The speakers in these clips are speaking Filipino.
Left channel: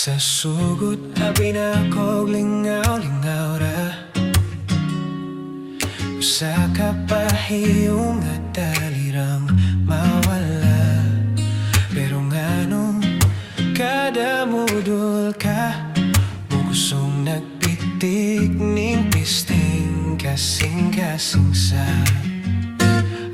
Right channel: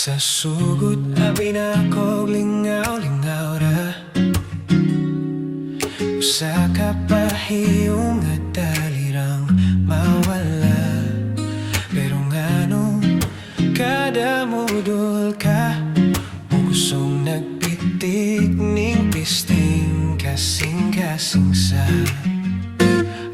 Sa sugod abi na ko lingaw-lingaw ra, usa ka pahiyong nga dalirang mawala. Pero ngano kada mudol ka mo kusong nagpitik ning pisting kasing-kasing sa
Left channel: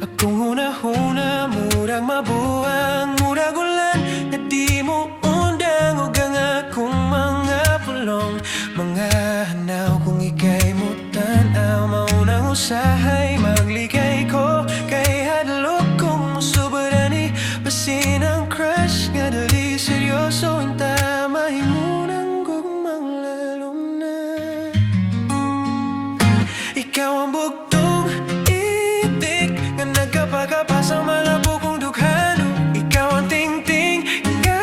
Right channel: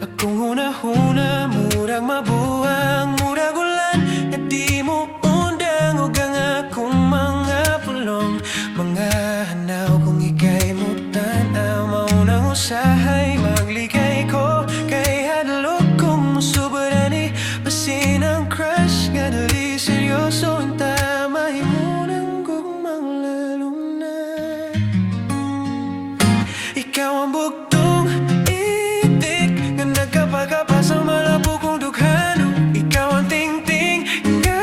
akong hunahuna. Murag mabuang, murag ulan nga di mo undang ug ang akong mga pulong. Mga hanaw kung ika'y mo tanaw, maunang usahay maglikay ko. Kay hadlok kong musubra ni basin ang crush nga dali seryoso inta mahimunang gugmang lalong na. Ikaw ang bugtong itik nga nagkapakapa sa malabo kong dughano. Ikaw ang tingting nga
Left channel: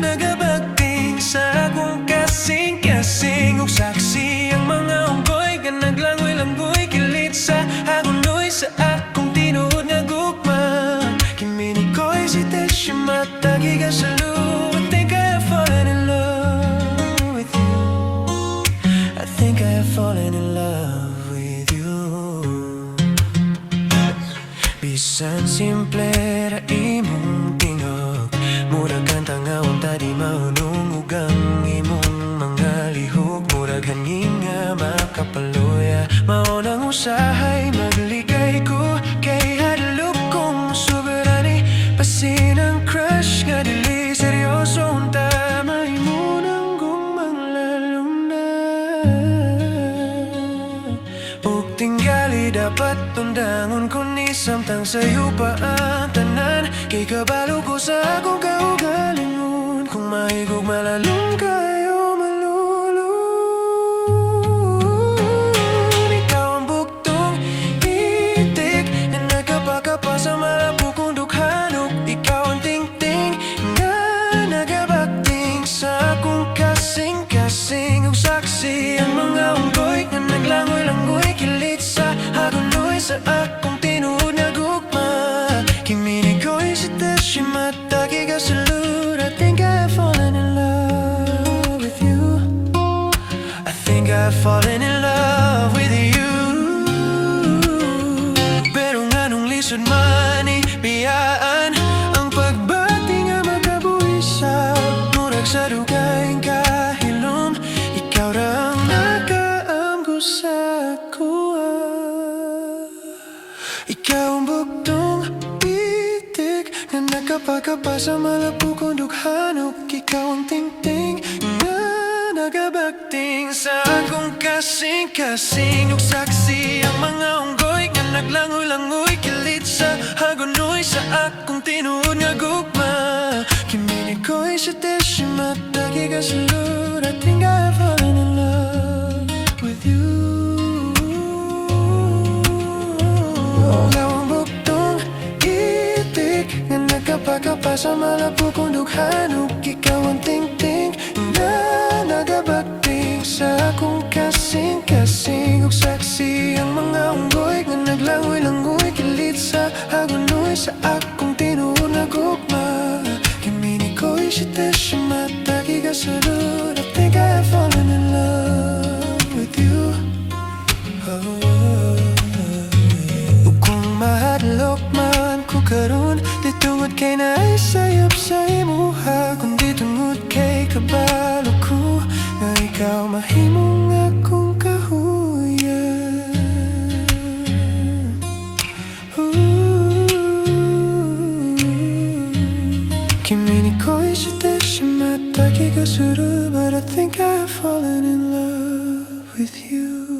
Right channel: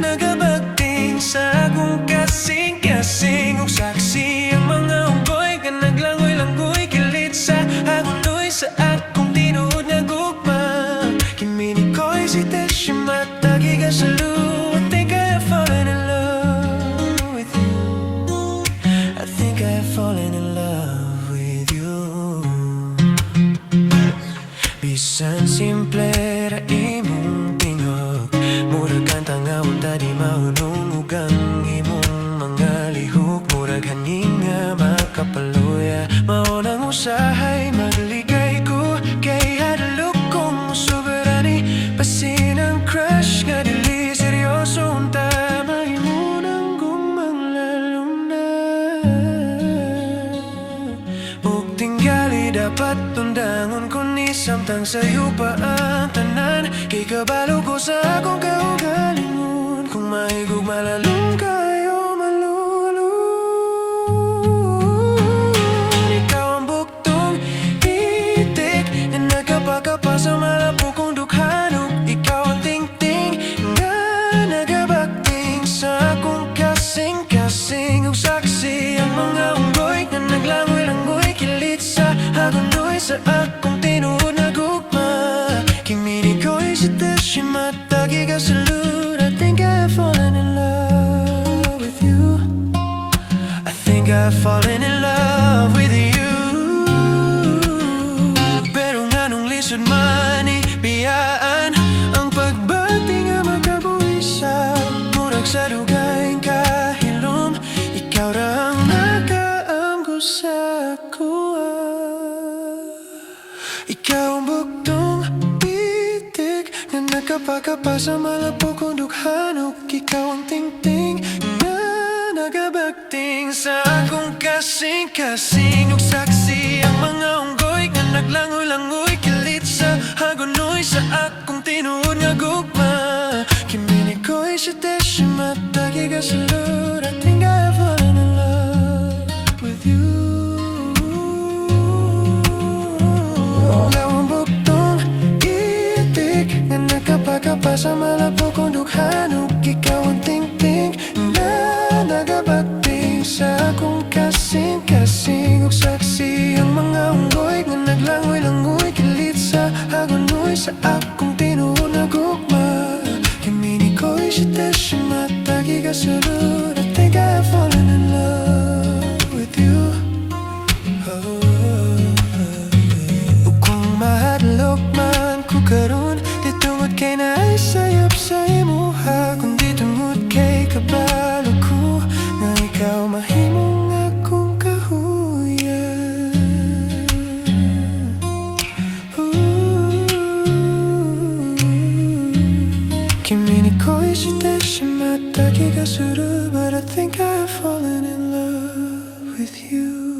nagabagting sa akong kasing-kasing ug saksi. Ang mga unggoy nga naglangoy-langoy kilit sa agunoy sa akong tinuod nga gugma. Kimi ni ko'y si Teshima tagi ka sa lu. I think I have fallen in love with you. I think I have fallen in love with you. Bisan simple ra imong tingog, murag kang tangawon ta di maunong ug ang imong mga lihok. Murag hangin nga makapaluya, maunang usahay maglikay ko. Kay hadlok kong musubra ni basin ang crush nga dili seryoso unta mahimunang gugmang lalong na. Ug tingali dapat tundangon ko ni samtang sayo pa ang tanan. Kay kabalo ko sa akong kaugalingon, kung mahigog malalong kayo malulun. Ikaw ang buktong itik na nagkapakapa sa malabo kong dukhanok. Ikaw ang tingting nga nagabagting sa akong kasing-kasing ug saksi. Ang mga unggoy nga naglangoy-langoy kilit sa agunoy sa akong tinuod na gugma. Kimi ni ko'y si Teshima tagi ka sa lud. I think I have fallen in love with you. I think I've fallen in love with you. Pero nganong lisod man biyaan ang pagbati nga magkabuhisa. Murag sa dugayng kahilom, ikaw ra ang nakaamgo sa kuha. Ikaw ang buktong itik nga nagkapakapa sa malabo kong dukhanok. Ikaw ang tingting nga nagabagting sa akong kasing-kasing ug saksi. Ang mga unggoy nga naglangoy-langoy kilit sa agunoy sa akong tinuod nga gugma. Kimi ni ko'y si Teshima tagi ka sa lud. I think I have fallen in love with you. Ikaw ang buktong itik nga nagkapakapa sa malabo kong dukhanok. Ikaw ang tingting nga nagabagting sa akong kasing-kasing ug saksi. Ang mga unggoy nga naglangoy-langoy kilit sa agunoy sa akong tinuod na gugma. Kimi ni ko'y si Teshima tagi ka sa lud. I think I have fallen in love with you. Ug kung mahadlok man ko karon, di tungod kay naay sayop sa imuha, kundi tungod kay kabalo ko nga ikaw mahimong akong kahuyan. Kimi ni ko'y si Teshima tagi ka sa lud. But I think I've fallen in love with you.